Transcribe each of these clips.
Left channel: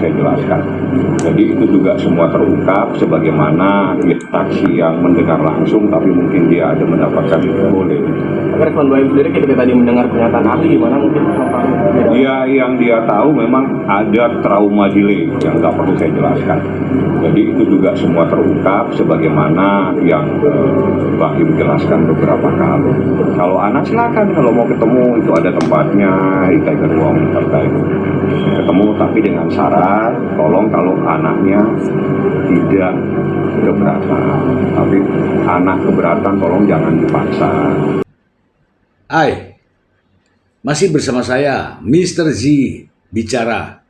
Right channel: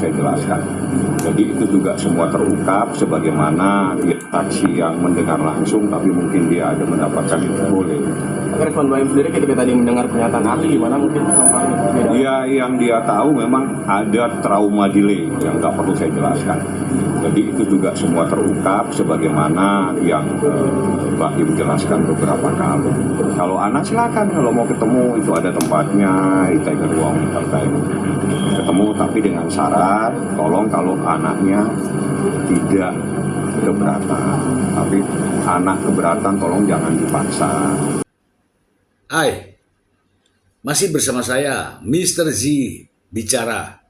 saya jelaskan. Jadi itu juga semua terungkap sebagaimana saksi yang mendengar langsung, tapi mungkin dia ada mendapatkan itu boleh. Respon Baim sendiri ketika tadi mendengar pernyataan ahli gimana mungkin? Ya, yang dia tahu memang ada trauma delay yang nggak perlu saya jelaskan. Jadi itu juga semua terungkap sebagaimana yang Baim jelaskan beberapa kali. Kalau anak silakan, kalau mau ketemu itu ada tempatnya di Tiger Wong terkait ketemu, tapi dengan syarat tolong kalau anaknya tidak keberatan, tapi anak keberatan tolong jangan dipaksa. Hai, masih bersama saya, Mr. Z bicara.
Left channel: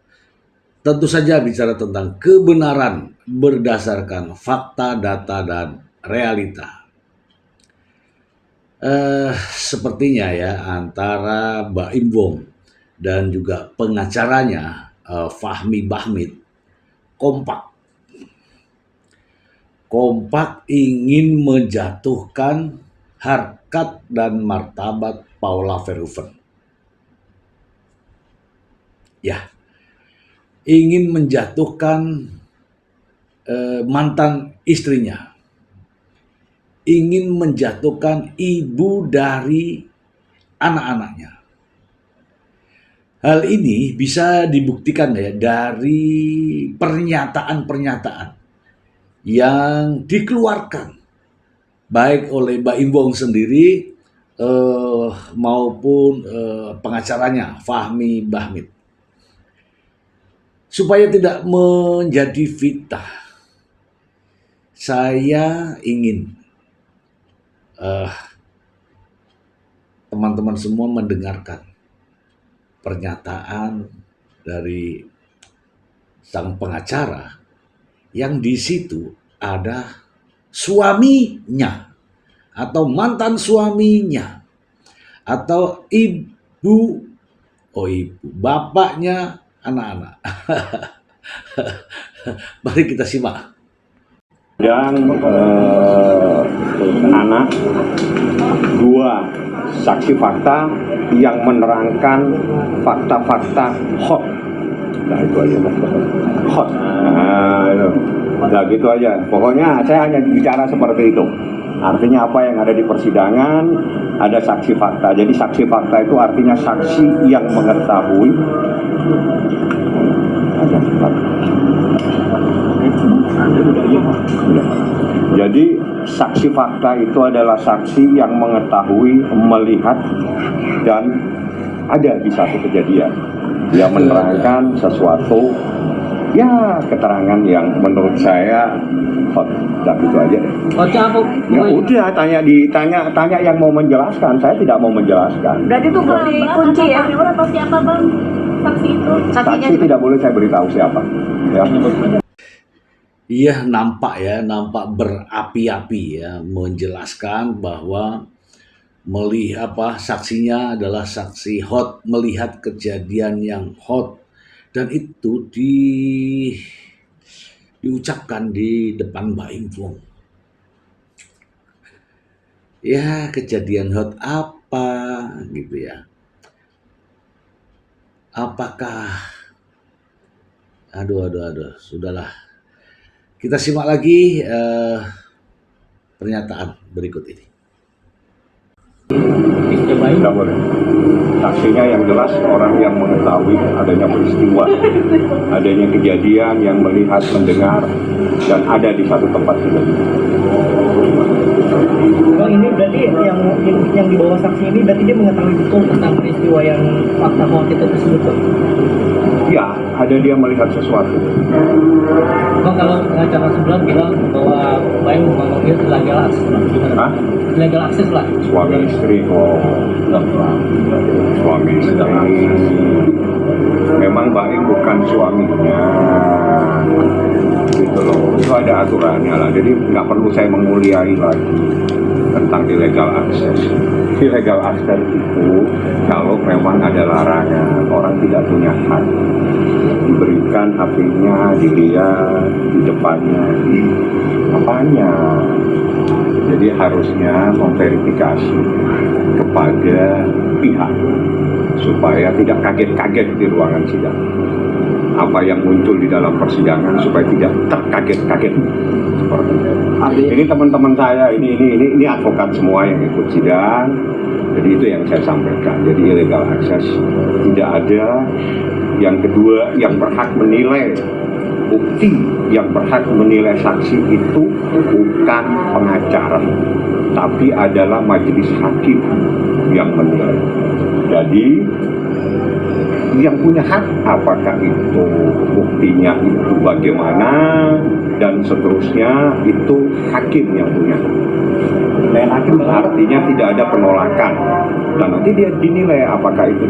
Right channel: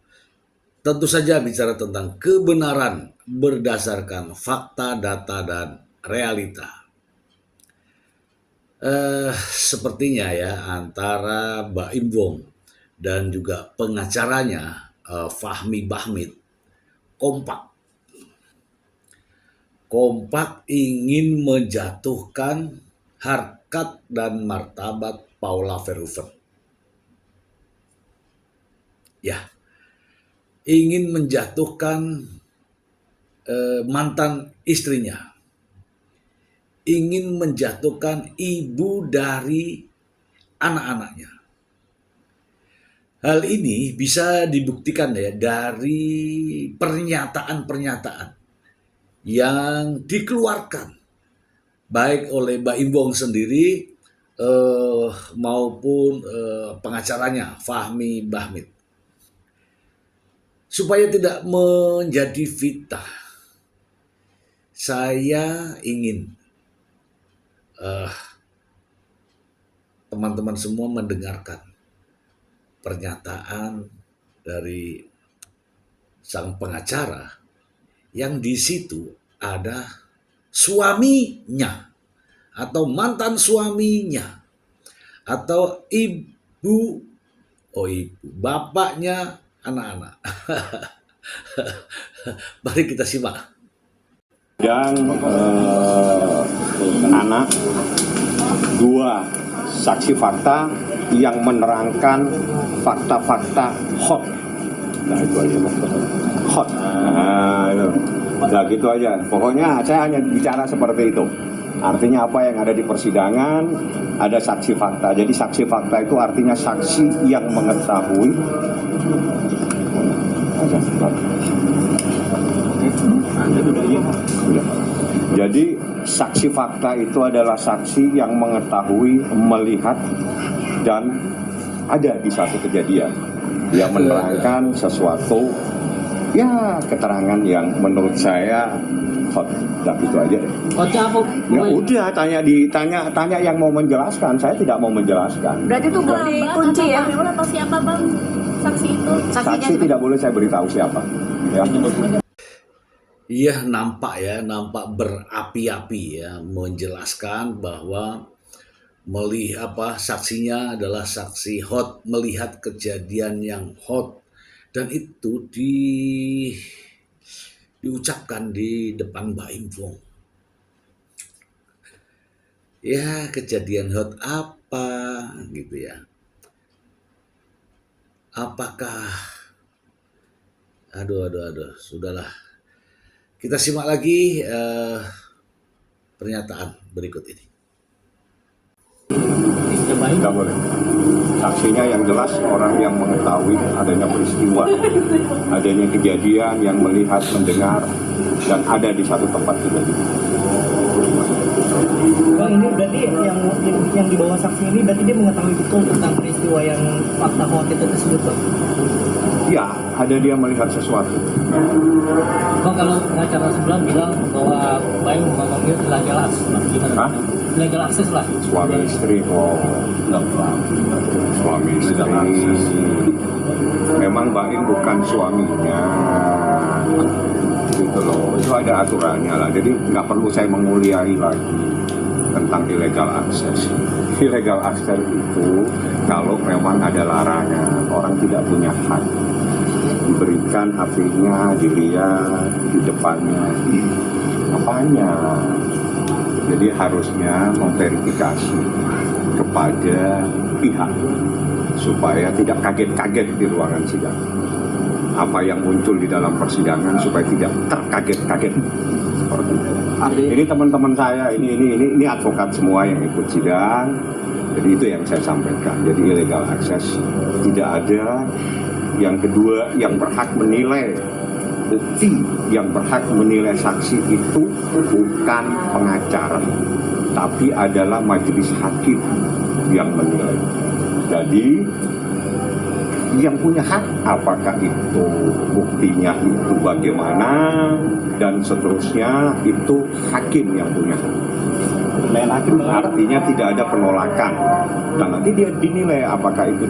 Tentu saja bicara tentang kebenaran berdasarkan fakta, data, dan realita. Sepertinya ya antara Baim Wong dan juga pengacaranya Fahmi Bahmid kompak ingin menjatuhkan harkat dan martabat Paula Verhoeven. Ya, ingin menjatuhkan mantan istrinya, ingin menjatuhkan ibu dari anak-anaknya. Hal ini bisa dibuktikan ya dari pernyataan-pernyataan yang dikeluarkan baik oleh Baim Wong sendiri maupun pengacaranya Fahmi Bahmid. Supaya tidak menjadi fitnah, saya ingin teman-teman semua mendengarkan pernyataan dari sang pengacara yang di situ ada suaminya atau mantan suaminya atau bapaknya anak-anak. Mari kita simak. Dan anak dua saksi fakta yang menerangkan fakta-fakta hot. Nah itu aja, hot. Nah gitu aja. Pokoknya saya hanya bicara seperti itu. Artinya apa yang ada di persidangan, ada saksi fakta. Jadi saksi fakta itu artinya saksi yang mengetahui. Jadi saksi fakta itu adalah saksi yang mengetahui, melihat, dan ada di satu kejadian. Dia menerangkan sesuatu, ya keterangan yang menurut saya hot. Dan itu aja. Ya udah, tanya yang mau menjelaskan. Saya tidak mau menjelaskan. Berarti itu kunci ya? Atau siapa bang saksi itu? Saksi tidak boleh saya beritahu siapa. Ya. Iya, nampak berapi-api ya, menjelaskan bahwa melihat saksinya adalah saksi hot, melihat kejadian yang hot, dan itu diucapkan di depan Baim Wong. Ya, kejadian hot apa gitu ya? Apakah aduh, sudahlah. Kita simak lagi pernyataan berikut ini. Tidak boleh. Saksinya yang jelas orang yang mengetahui adanya peristiwa, adanya kejadian, yang melihat, mendengar, dan ada di satu tempat itu. Bang, ini berarti yang dibawa saksi ini berarti dia mengetahui betul tentang peristiwa yang fakta hoax itu tersebut, Bang? Ya, ada dia melihat sesuatu. Bang, kalau pengacara sebelah bilang bahwa Baim memanggil illegal access, Bang, gimana? Hah? Illegal access lah. Suami istri, suami istri. Memang Baim bukan suaminya. Gitu loh. Itu ada aturannya lah. Jadi nggak perlu saya menguliai lagi tentang illegal access. Illegal access itu kalau memang ada larangan, orang tidak punya hak diberikan HP-nya, dilihat, di depannya, di apanya. Jadi harusnya memverifikasi kepada pihak supaya tidak kaget-kaget di ruangan sidang. apa yang muncul di dalam persidangan supaya tidak terkaget-kaget. Seperti itu. Artinya Ini teman-teman saya, ini advokat semua yang ikut sidang. Jadi itu yang saya sampaikan. Jadi illegal access tidak ada. Yang kedua, yang berhak menilai bukti, yang berhak menilai saksi itu bukan pengacara, tapi adalah majelis hakim yang menilai. Jadi yang punya hak apakah itu buktinya itu bagaimana dan seterusnya itu hakim yang punya hak. Dan hakim artinya tidak ada penolakan dan nanti dia dinilai apakah itu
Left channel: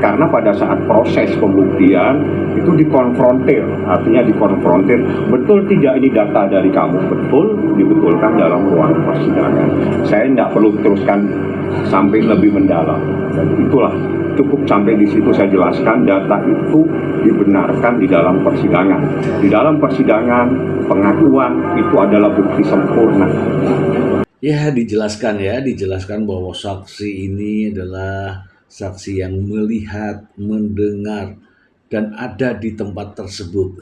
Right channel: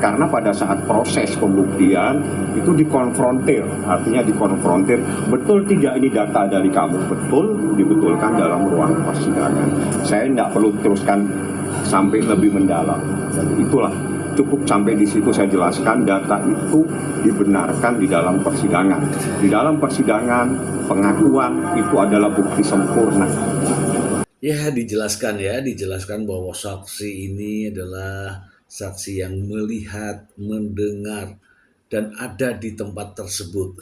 karena pada saat proses pembuktian itu dikonfrontir, artinya dikonfrontir betul tidak ini data dari kamu, betul dibetulkan dalam ruang persidangan. Saya tidak perlu teruskan sampai lebih mendalam. Dan itulah cukup sampai di situ saya jelaskan data itu dibenarkan di dalam persidangan. Di dalam persidangan pengakuan itu adalah bukti sempurna. Ya, dijelaskan bahwa saksi ini adalah saksi yang melihat, mendengar, dan ada di tempat tersebut.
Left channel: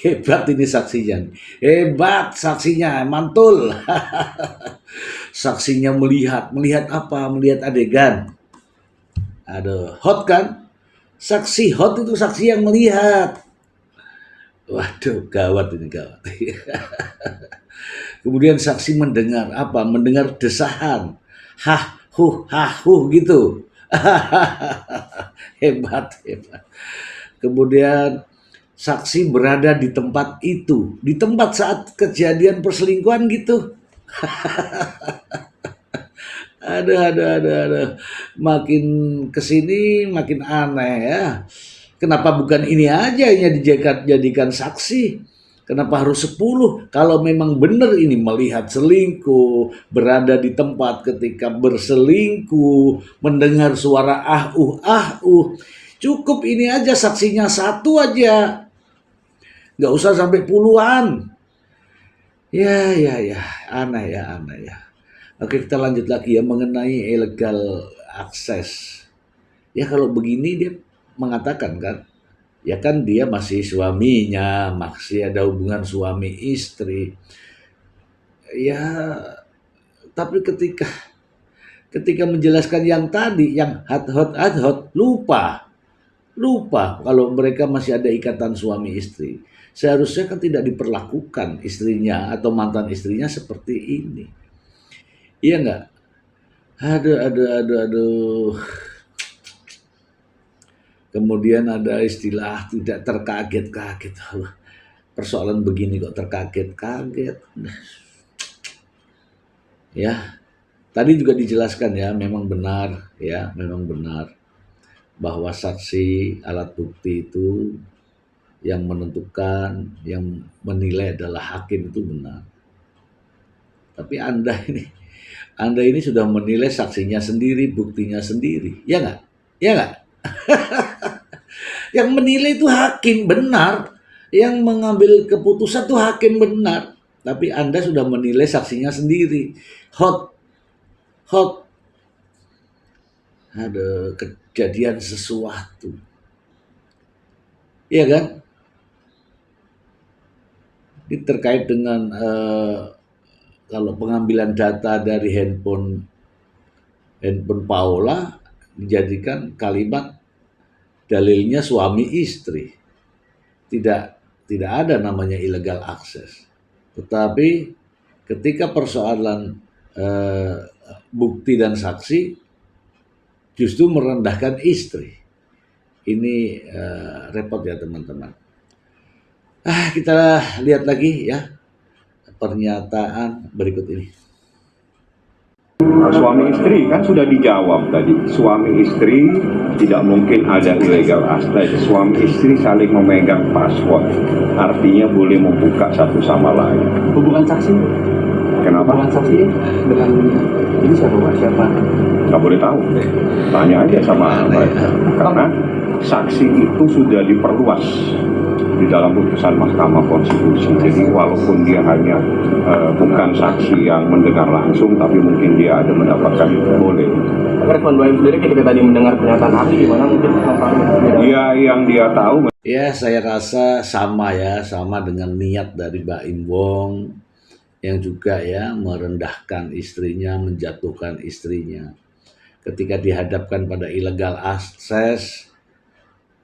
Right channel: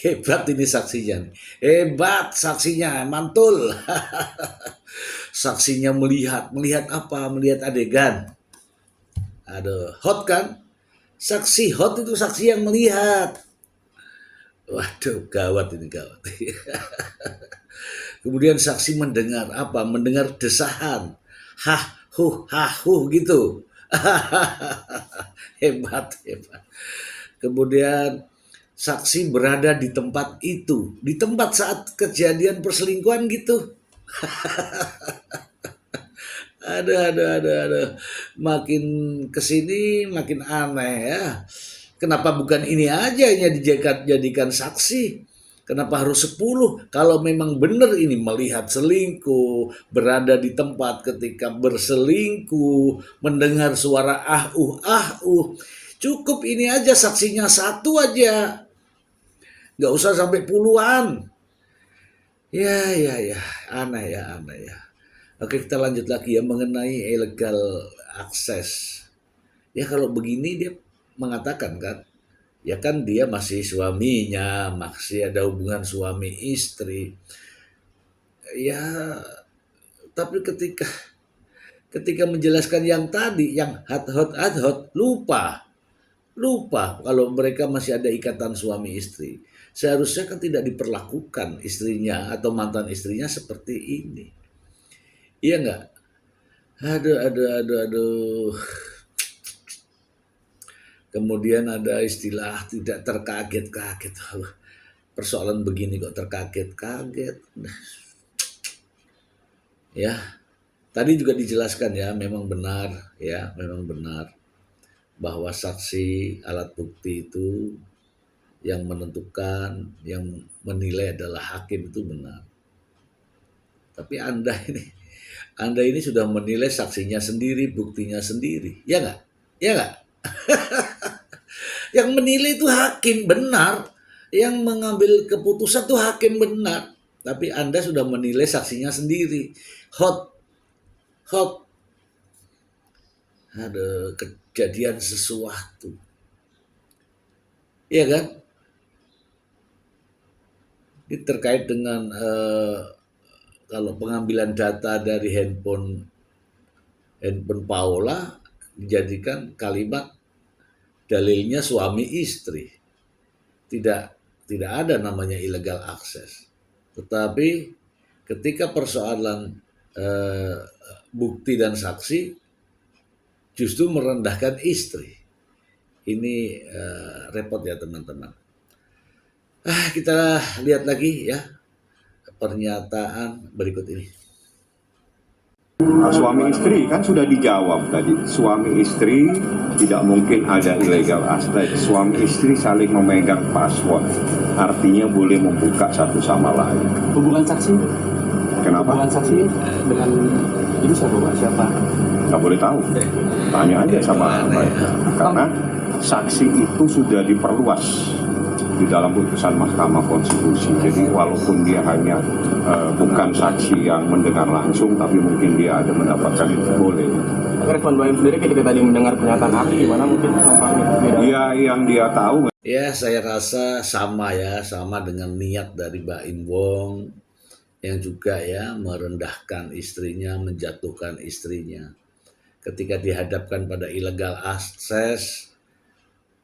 Hebat ini saksinya. Hebat saksinya, mantul. Saksinya melihat apa? Melihat adegan. Ada hot kan? Saksi hot itu saksi yang melihat. Waduh, gawat ini, gawat. Kemudian saksi mendengar apa? Mendengar desahan. Hah, huh gitu. Hebat. Kemudian saksi berada di tempat itu. Di tempat saat kejadian perselingkuhan gitu. Aduh. Makin kesini makin aneh ya. Kenapa bukan ini aja yang dijadikan saksi? Kenapa harus 10? Kalau memang benar ini melihat selingkuh, berada di tempat ketika berselingkuh, mendengar suara cukup ini aja saksinya 1 aja. Nggak usah sampai puluhan. Ya, aneh ya. Oke, kita lanjut lagi ya mengenai illegal access. Ya kalau begini dia mengatakan kan, ya kan dia masih suaminya, masih ada hubungan suami istri. Ya, tapi ketika menjelaskan yang tadi, yang hot, lupa kalau mereka masih ada ikatan suami istri. Seharusnya kan tidak diperlakukan istrinya atau mantan istrinya seperti ini. Iya enggak? Aduh. Kemudian ada istilah tidak terkaget-kaget. Persoalan begini kok terkaget-kaget. Ya, tadi juga dijelaskan ya, memang benar bahwa saksi alat bukti itu yang menentukan, yang menilai adalah hakim, itu benar. Tapi Anda ini sudah menilai saksinya sendiri, buktinya sendiri. Ya enggak? Yang menilai itu hakim, benar. Yang mengambil keputusan itu hakim, benar. Tapi Anda sudah menilai saksinya sendiri. Hot. Ada kejadian sesuatu. Iya kan? Ini terkait dengan kalau pengambilan data dari handphone Paula dijadikan kalimat dalilnya suami istri. Tidak ada namanya illegal access. Tetapi ketika persoalan bukti dan saksi justru merendahkan istri. Ini repot ya teman-teman. Kita lihat lagi ya pernyataan berikut ini. Suami istri kan sudah dijawab tadi. Suami istri tidak mungkin ada illegal access. Suami istri saling memegang password. Artinya boleh membuka satu sama lain. hubungan saksi. Kenapa? Hubungan saksi dengan ini siapa? Nggak boleh tahu. Tanya aja sama mereka. Karena saksi itu sudah diperluas di dalam putusan Mahkamah Konstitusi. Jadi walaupun dia hanya bukan saksi yang mendengar langsung, tapi mungkin dia ada mendapatkan boleh. Respon Baim sendiri ketika tadi mendengar pernyataan ahli gimana mungkin Bang Fahmi? Ya yang dia tahu Ya, saya rasa sama ya, sama dengan niat dari Mbak Imbong yang juga ya merendahkan istrinya, menjatuhkan istrinya. Ketika dihadapkan pada illegal access,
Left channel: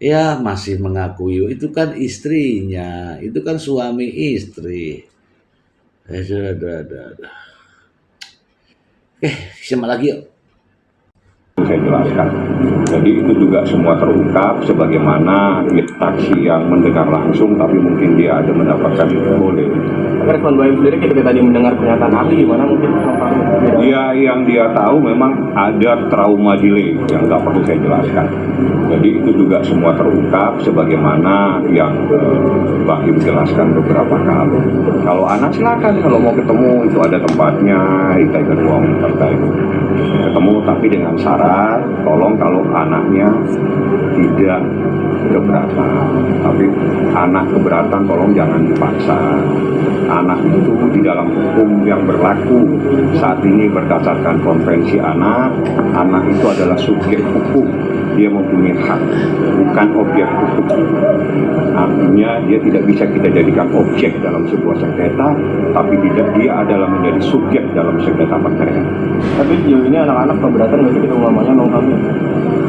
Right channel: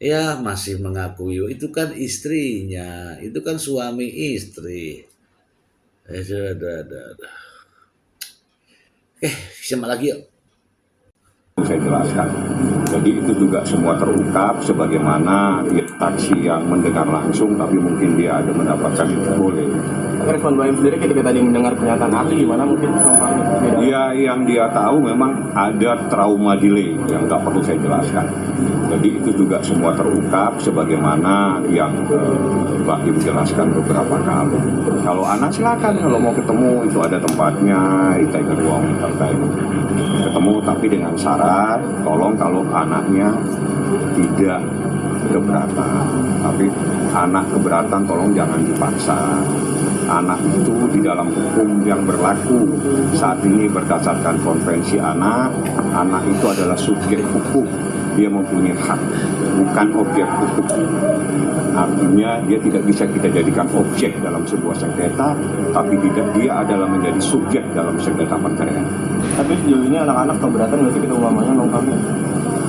ya masih mengakui itu kan istrinya, itu kan suami istri. Sudah. Simak lagi yuk. saya jelaskan. Jadi itu juga semua terungkap sebagaimana saksi yang mendengar langsung tapi mungkin dia ada mendapatkan itu boleh. Respon Baim sendiri ketika tadi mendengar pernyataan ahli gimana mungkin Bang Fahmi? Ya yang dia tahu memang ada trauma delay yang nggak perlu saya jelaskan. Jadi itu juga semua terungkap sebagaimana yang Bahim jelaskan beberapa kali. Kalau anak silakan kalau mau ketemu itu ada tempatnya di Ketua Umum Partai. Ketemu tapi dengan syarat tolong kalau anaknya tidak keberatan, tapi anak keberatan tolong jangan dipaksa. Anak itu di dalam hukum yang berlaku saat ini berdasarkan konvensi anak itu adalah subjek hukum, dia mempunyai hak, bukan objek hukum. Artinya dia tidak bisa kita jadikan objek dalam sebuah sengketa, tapi dia adalah menjadi subjek dalam sengketa perceraian. Tapi sejauh ini anak-anak keberatan nggak sih kita umumnya Bang Fahmi?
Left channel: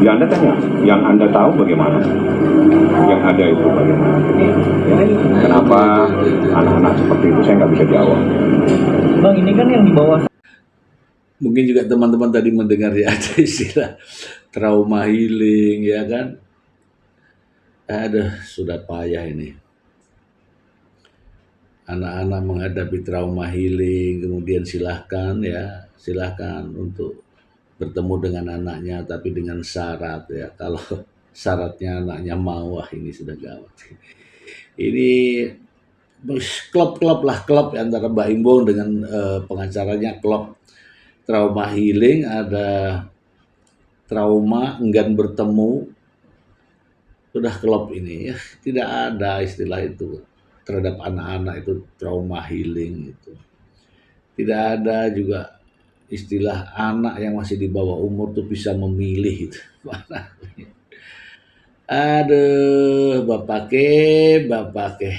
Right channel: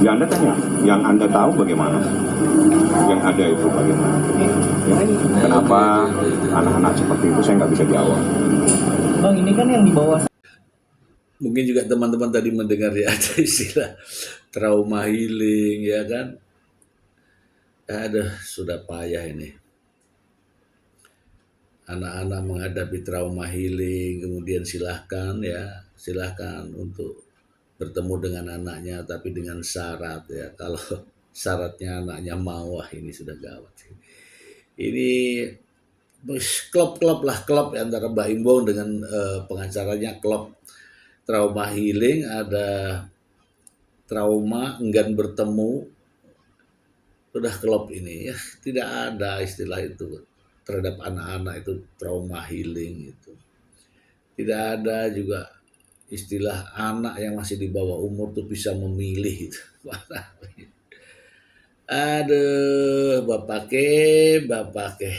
Ya Anda tanya, yang Anda tahu bagaimana? Yang ada itu bagaimana? Kenapa anak-anak seperti itu saya nggak bisa jawab. Bang, ini kan yang dibawa Mungkin juga teman-teman tadi mendengar ya ada istilah trauma healing ya kan. Aduh, sudah payah ini. Anak-anak menghadapi trauma healing, kemudian silahkan untuk bertemu dengan anaknya, tapi dengan syarat ya. Kalau syaratnya anaknya mau, wah ini sudah gawat. Ini klub antara Mbak Imbong dengan pengacaranya, klub trauma healing, ada trauma enggan bertemu, sudah klub ini ya, tidak ada istilah itu terhadap anak-anak itu trauma healing itu. Tidak ada juga istilah anak yang masih di bawah umur tuh bisa memilih itu. Aduh, bapak ke.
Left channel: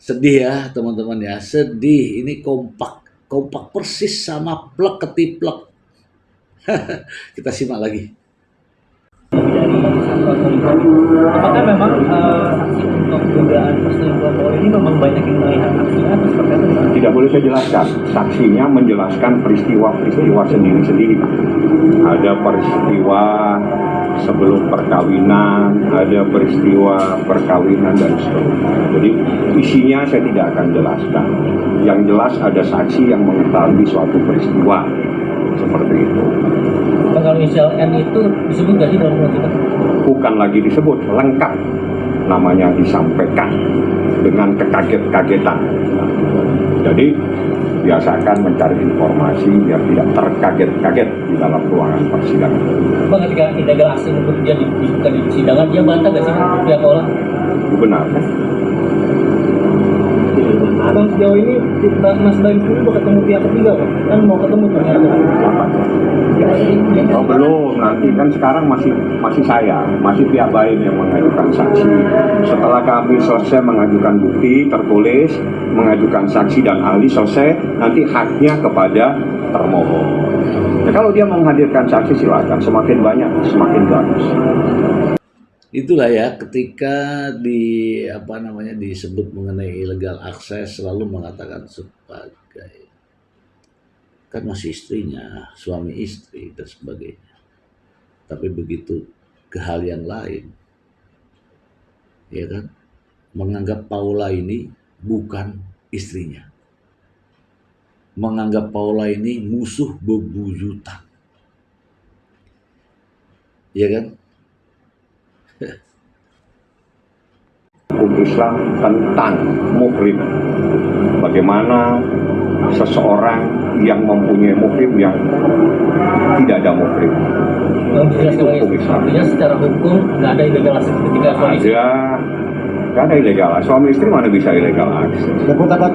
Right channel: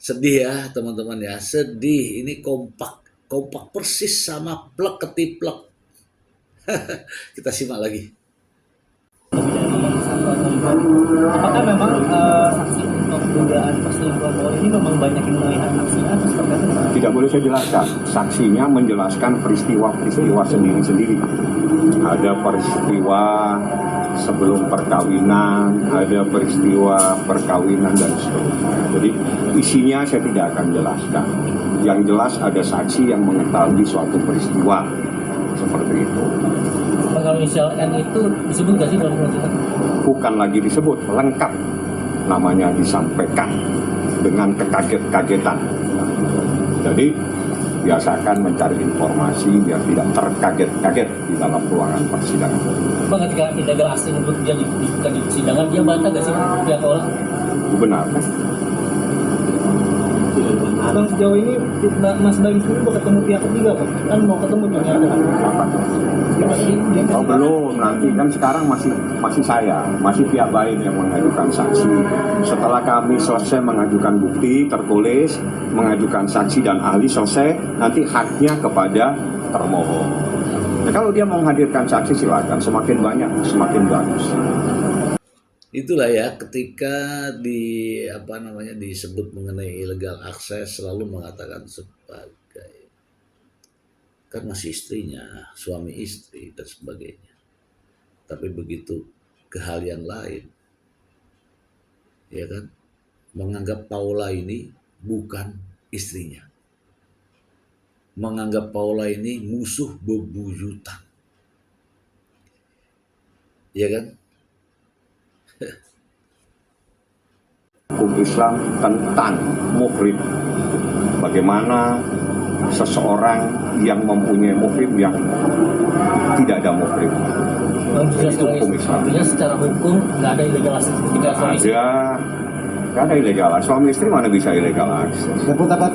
Sedih ya teman-teman ya, sedih. Ini kompak persis sama plek ketiplek. Kita simak lagi. dari satu atau lima. Apakah memang saksi untuk dugaan perselingkuhan Polri ini memang banyak yang melihat aksinya atau seperti apa? Tidak boleh saya jelaskan. Saksinya menjelaskan peristiwa-peristiwa sendiri-sendiri. Ada peristiwa sebelum perkawinan, ada peristiwa perkawinan dan seterusnya. Jadi isinya saya tidak akan jelaskan. Yang jelas ada saksi yang mengetahui suatu peristiwa seperti itu. Kalau inisial N itu disebut nggak sih dalam surat itu? Bukan lagi disebut, lengkap namanya disampaikan dengan kekaget-kagetan. Jadi biasakan mencari informasi biar tidak terkaget-kaget di dalam ruangan persidangan. Bang, ketika illegal access untuk dia dibuka di persidangan, dia bantah nggak sih pihak orang? Benar. Bang, sejauh ini Mas Baim sendiri mau ketemu pihak ketiga, Bang? Kan mau ketemu ternyata. Oh belum, nanti kan sekarang masih saya, masih pihak Baim yang mengajukan saksi. Setelah kami selesai mengajukan bukti tertulis, mengajukan saksi dan ahli selesai, nanti haknya kepada termohon. Nah, kalau dia menghadirkan saksi silakan, semakin banyak semakin bagus. Itulah ya, ketika disebut mengenai illegal access selalu mengatakan sebagai kan masih istrinya, suami istri dan sebagainya. Tapi begitu ke hal yang lain, ya kan, menganggap Paula ini bukan istrinya, menganggap Paula ini musuh bebuyutan, ya kan? Hukum Islam tentang muhrim. Bagaimana seseorang yang mempunyai muhrim yang tidak ada muhrim. Bang, artinya secara hukum nggak ada illegal access ketika suami istri. Ada Nggak ada illegal. Suami istri mana bisa illegal akses? Nggak pun dapat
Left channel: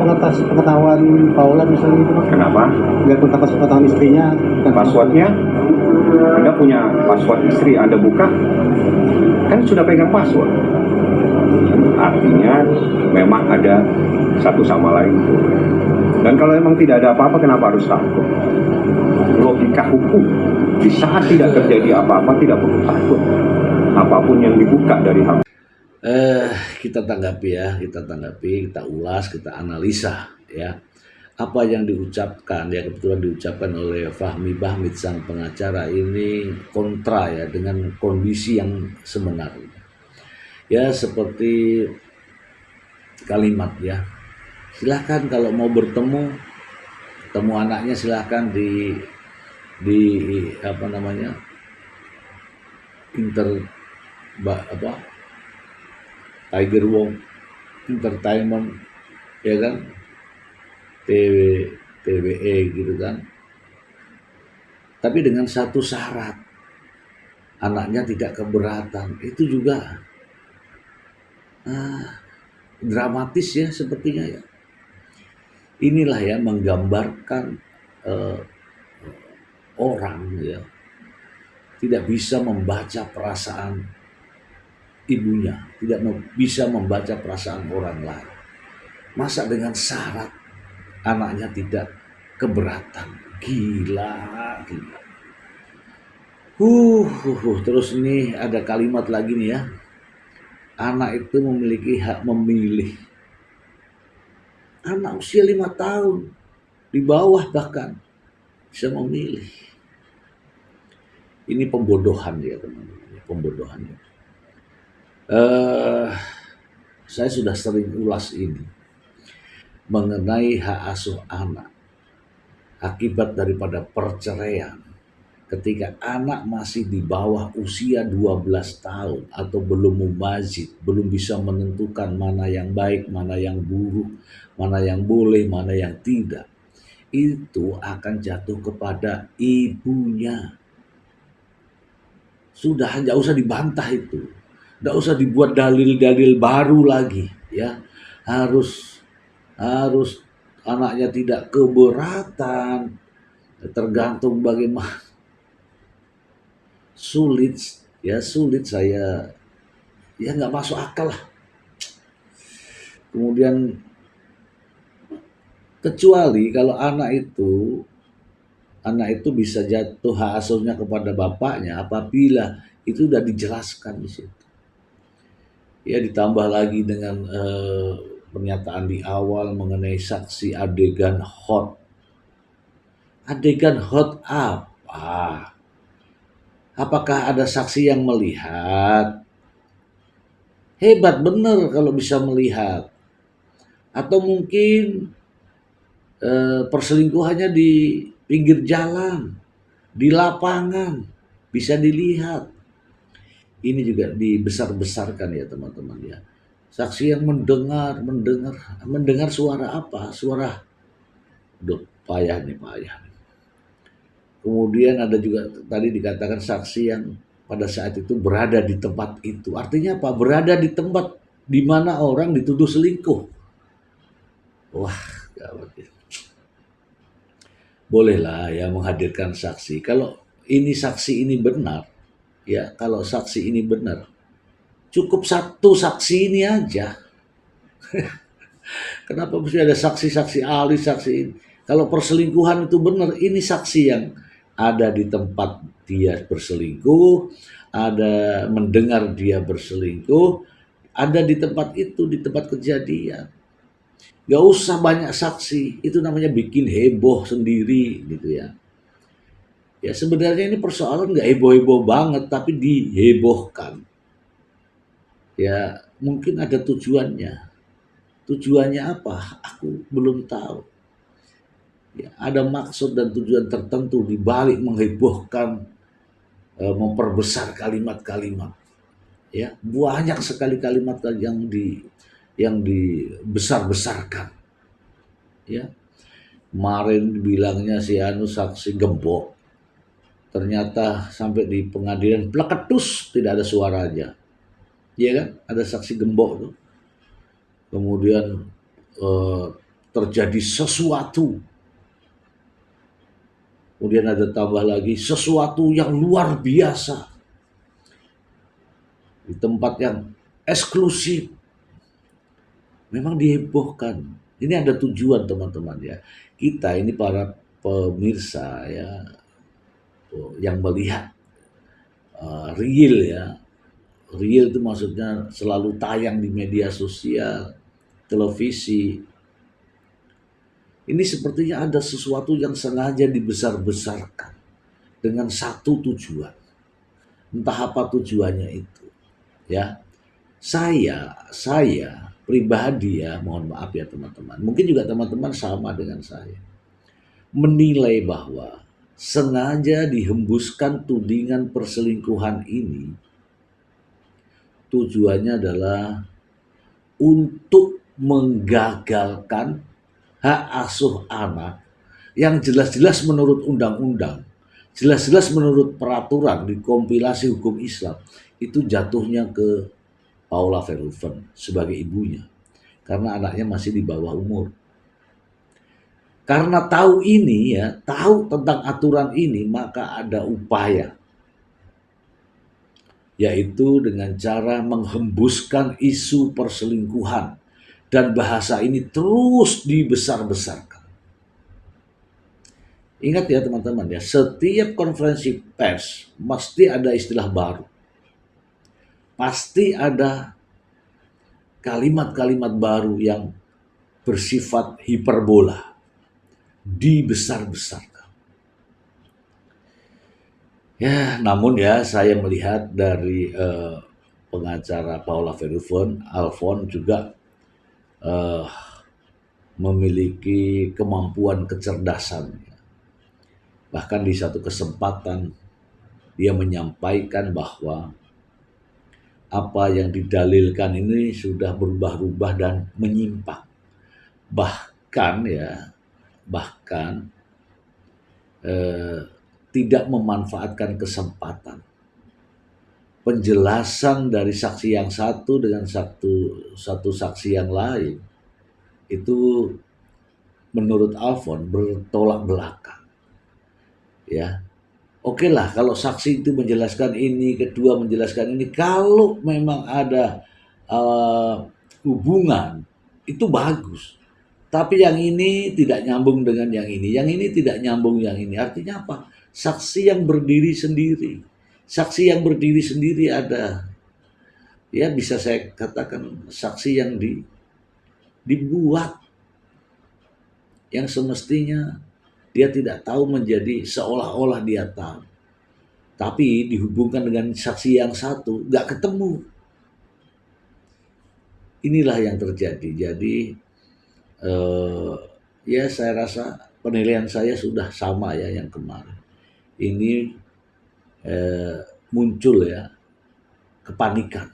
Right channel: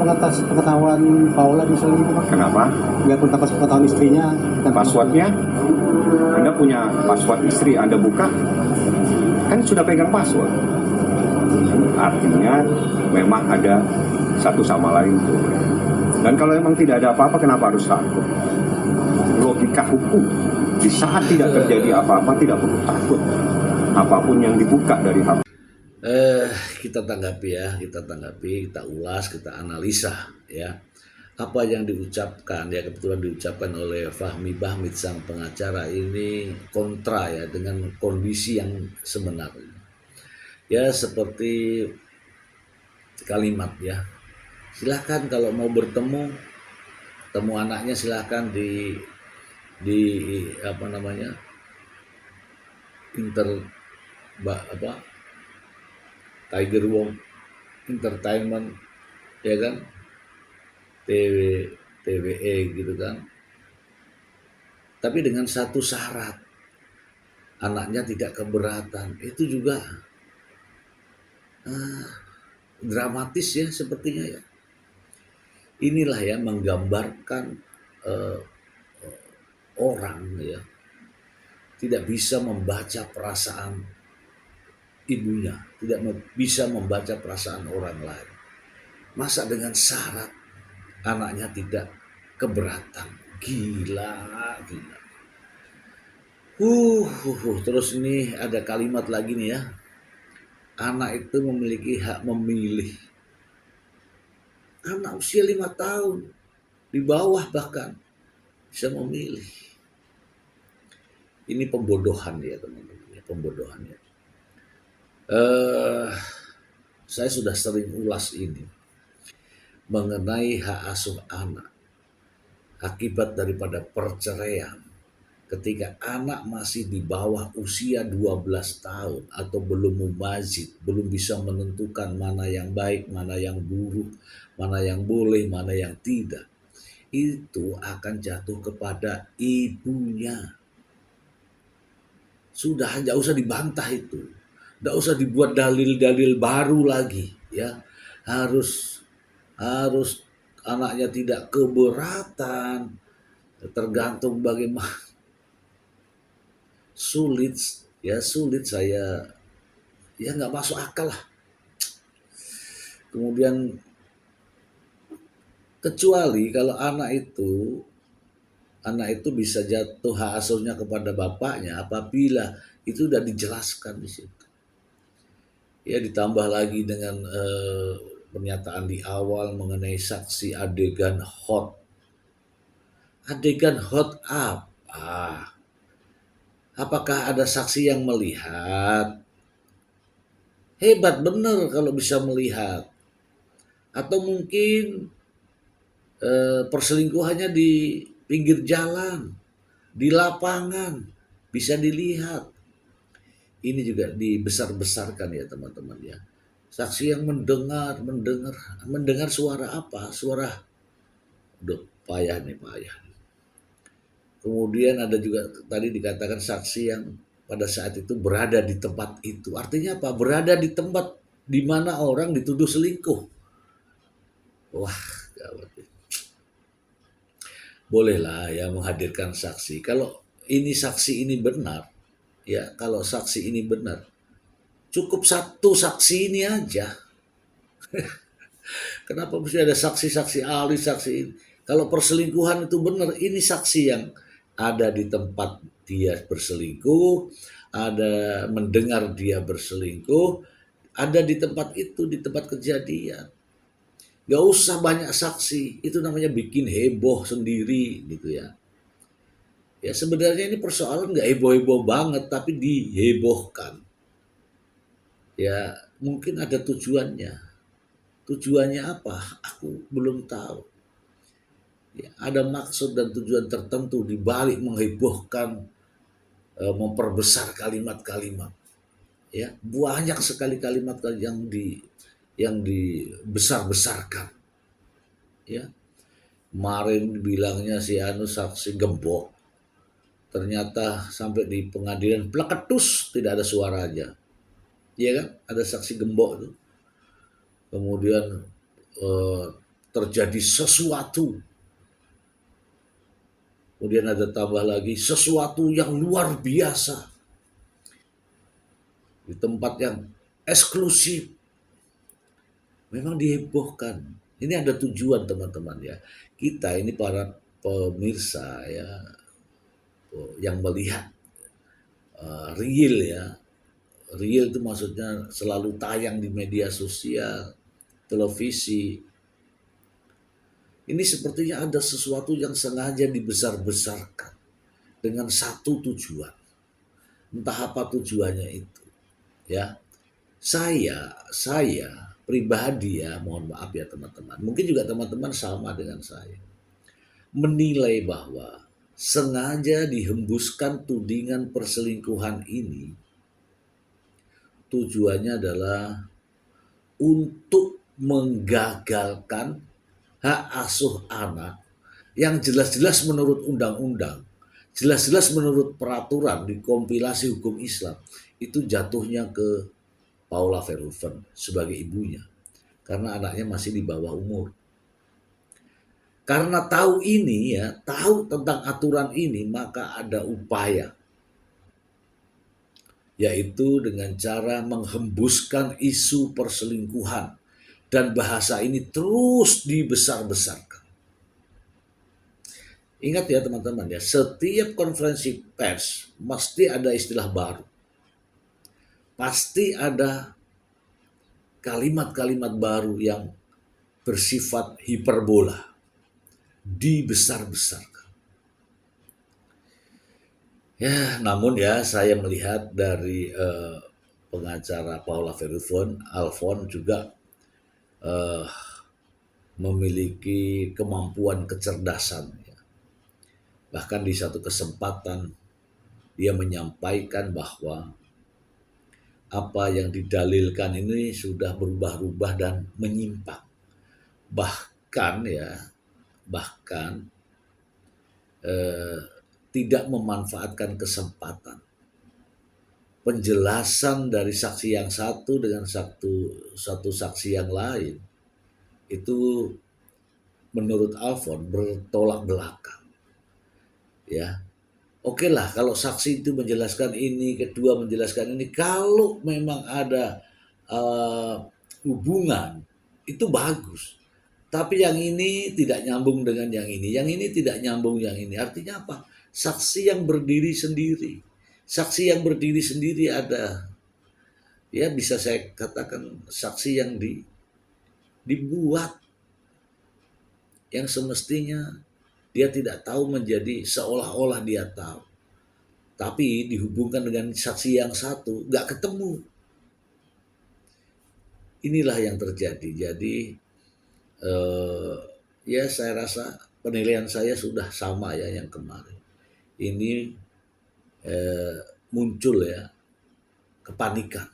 pengetahuan Paula misalnya gitu Pak. Kenapa? Nggak pun dapat pengetahuan istrinya. Passwordnya? Anda punya password istri, Anda buka, kan sudah pegang password. Artinya memang ada satu sama lain. Dan kalau memang tidak ada apa-apa, kenapa harus takut? Logika hukum, di saat tidak terjadi apa-apa, tidak perlu takut. Apapun yang dibuka dari hak. Kita tanggapi ya, kita ulas, kita analisa ya. Apa yang diucapkan, ya kebetulan diucapkan oleh Fahmi Bahmid sang pengacara ini kontra ya dengan kondisi yang sebenarnya. Ya seperti kalimat ya, silahkan kalau mau bertemu anaknya silahkan di apa namanya Tiger Wong Entertainment ya kan, TWE gitu kan, tapi dengan satu syarat, anaknya tidak keberatan. Itu juga dramatis ya sepertinya ya. Inilah ya menggambarkan orang ya tidak bisa membaca perasaan ibunya, tidak bisa membaca perasaan orang lain. Masa dengan syarat anaknya tidak keberatan? Gila. Terus ini ada kalimat lagi nih ya. Anak itu memiliki hak memilih. Anak usia 5 tahun, di bawah bahkan, bisa memilih. Ini pembodohan ya teman-teman, pembodohan ya. Saya sudah sering ulas ini mengenai hak asuh anak akibat daripada perceraian. Ketika anak masih di bawah usia 12 tahun atau belum mumazid, belum bisa menentukan mana yang baik, mana yang buruk, mana yang boleh, mana yang tidak, itu akan jatuh kepada ibunya. Sudah, nggak usah dibantah itu, nggak usah dibuat dalil-dalil baru lagi ya. Harus anaknya tidak keberatan, tergantung bagaimana. Sulit saya ya, nggak masuk akal lah. Kemudian kecuali kalau anak itu bisa jatuh hak asuhnya kepada bapaknya apabila itu sudah dijelaskan di situ. Ya ditambah lagi dengan pernyataan di awal mengenai saksi adegan hot. Adegan hot apa? Apakah ada saksi yang melihat? Hebat bener kalau bisa melihat. Atau mungkin perselingkuhannya di pinggir jalan, di lapangan, bisa dilihat. Ini juga dibesar-besarkan ya teman-teman ya. Saksi yang mendengar suara apa? Suara, payah. Kemudian ada juga tadi dikatakan saksi yang pada saat itu berada di tempat itu. Artinya apa? Berada di tempat di mana orang dituduh selingkuh. Wah, gawat ya. Bolehlah ya menghadirkan saksi. Kalau ini saksi ini benar, ya kalau saksi ini benar, cukup satu saksi ini aja. Kenapa mesti ada saksi-saksi ahli, saksi ini? Kalau perselingkuhan itu benar, ini saksi yang ada di tempat dia berselingkuh, ada mendengar dia berselingkuh, ada di tempat itu, di tempat kejadian. Gak usah banyak saksi, itu namanya bikin heboh sendiri gitu ya. Ya sebenarnya ini persoalan gak heboh-heboh banget, tapi dihebohkan. Ya mungkin ada tujuannya. Tujuannya apa? Aku belum tahu. Ya, ada maksud dan tujuan tertentu di balik menghebohkan, memperbesar kalimat-kalimat. Ya, banyak sekali kalimat yang dibesar-besarkan. Ya. Kemarin bilangnya si anu saksi gembok. Ternyata sampai di pengadilan pleketus tidak ada suaranya. Iya kan? Ada saksi gembok tuh. kemudian terjadi sesuatu, kemudian ada tambah lagi sesuatu yang luar biasa di tempat yang eksklusif, memang dihebohkan. Ini ada tujuan teman-teman ya. Kita ini para pemirsa ya, yang melihat real ya. Real itu maksudnya selalu tayang di media sosial, televisi. Ini sepertinya ada sesuatu yang sengaja dibesar-besarkan dengan satu tujuan. Entah apa tujuannya itu. Ya, saya pribadi ya, mohon maaf ya teman-teman. Mungkin juga teman-teman sama dengan saya. Menilai bahwa sengaja dihembuskan tudingan perselingkuhan ini tujuannya adalah untuk menggagalkan hak asuh anak yang jelas-jelas menurut undang-undang, jelas-jelas menurut peraturan di kompilasi hukum Islam, itu jatuhnya ke Paula Verhoeven sebagai ibunya. Karena anaknya masih di bawah umur. Karena tahu ini ya, tahu tentang aturan ini, maka ada upaya, yaitu dengan cara menghembuskan isu perselingkuhan, dan bahasa ini terus dibesar-besarkan. Ingat ya teman-teman ya, setiap konferensi pers mesti ada istilah baru, pasti ada kalimat-kalimat baru yang bersifat hiperbola, dibesar-besarkan. Ya, namun ya saya melihat dari pengacara Paula Verhoeven, Alfon juga memiliki kemampuan kecerdasan. Bahkan di satu kesempatan dia menyampaikan bahwa apa yang didalilkan ini sudah berubah-ubah dan menyimpang. Bahkan tidak memanfaatkan kesempatan. Penjelasan dari saksi yang satu dengan satu saksi yang lain itu menurut Alfon bertolak belakang. Ya, oke lah kalau saksi itu menjelaskan ini, kedua menjelaskan ini, kalau memang ada hubungan itu bagus. Tapi yang ini tidak nyambung dengan yang ini tidak nyambung yang ini. Artinya apa? Saksi yang berdiri sendiri. Saksi yang berdiri sendiri ada, ya bisa saya katakan saksi yang dibuat, yang semestinya dia tidak tahu menjadi seolah-olah dia tahu. Tapi dihubungkan dengan saksi yang satu, gak ketemu. Inilah yang terjadi. Jadi ya saya rasa penilaian saya sudah sama ya yang kemarin. Ini muncul ya kepanikan.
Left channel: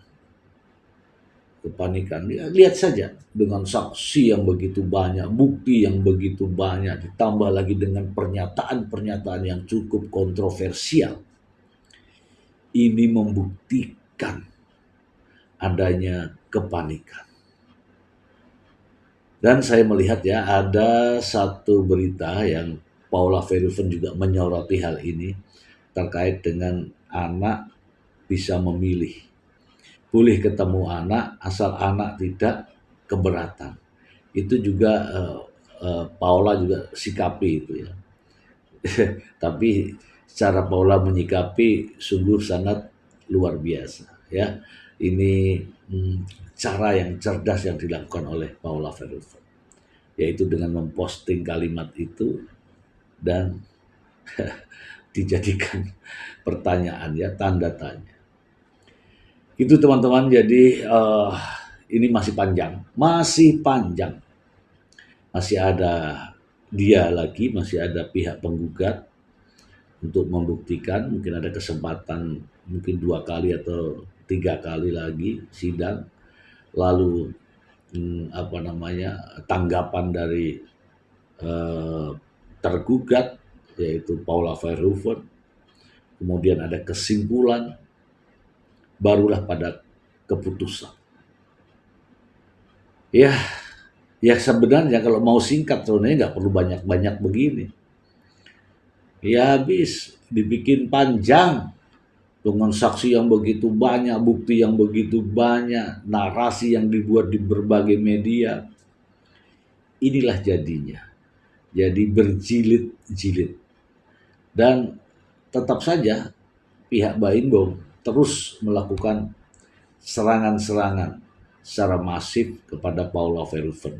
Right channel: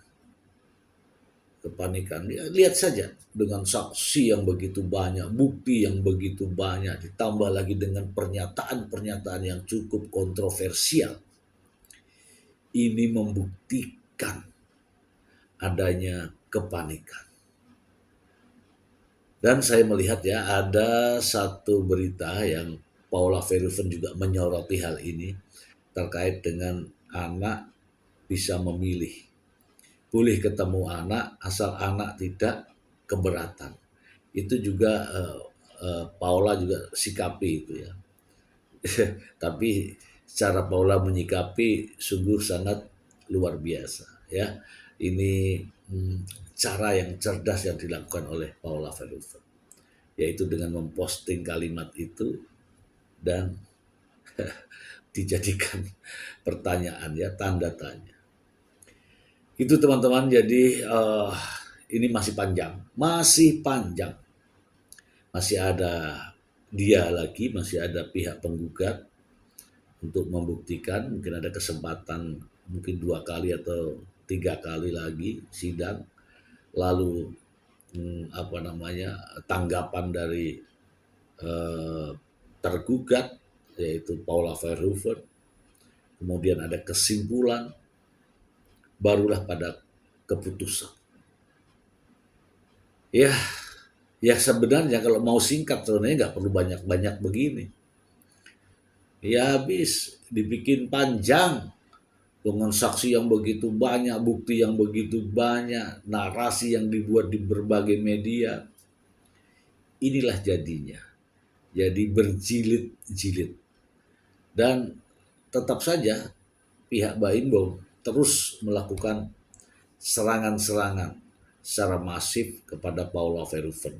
Ya, lihat saja dengan saksi yang begitu banyak, bukti yang begitu banyak, ditambah lagi dengan pernyataan-pernyataan yang cukup kontroversial. Ini membuktikan adanya kepanikan. Dan saya melihat ya ada satu berita yang Paula Verhoeven juga menyoroti hal ini terkait dengan anak bisa memilih. Boleh ketemu anak asal anak tidak keberatan. Itu juga Paula juga sikapi itu ya. Tapi cara Paula menyikapi sungguh sangat luar biasa ya. Ini cara yang cerdas yang dilakukan oleh Paula Verhoeven, yaitu dengan memposting kalimat itu dan dijadikan pertanyaan ya, tanda tanya. Itu teman-teman, jadi ini masih panjang, masih ada dia lagi, masih ada pihak penggugat untuk membuktikan. Mungkin ada kesempatan mungkin 2 kali atau 3 kali lagi sidang, lalu tanggapan dari tergugat yaitu Paula Verhoeven, kemudian ada kesimpulan, barulah pada keputusan. Ya, ya sebenarnya kalau mau singkat sebenarnya nggak perlu banyak-banyak begini. Ya habis dibikin panjang dengan saksi yang begitu banyak, bukti yang begitu banyak, narasi yang dibuat di berbagai media. Inilah jadinya. Jadi berjilid-jilid. Dan tetap saja pihak Baimbong terus melakukan serangan-serangan secara masif kepada Paula Verhoeven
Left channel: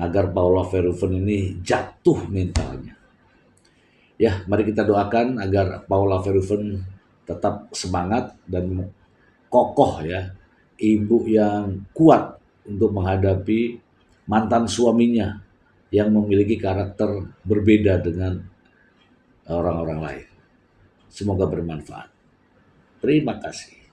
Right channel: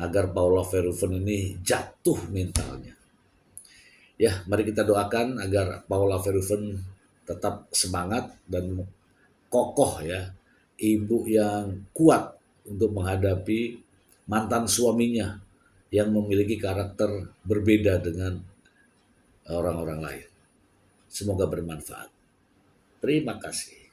agar Paula Verhoeven ini jatuh mentalnya. Ya, mari kita doakan agar Paula Verhoeven tetap semangat dan kokoh ya, ibu yang kuat untuk menghadapi mantan suaminya yang memiliki karakter berbeda dengan orang-orang lain. Semoga bermanfaat. Terima kasih.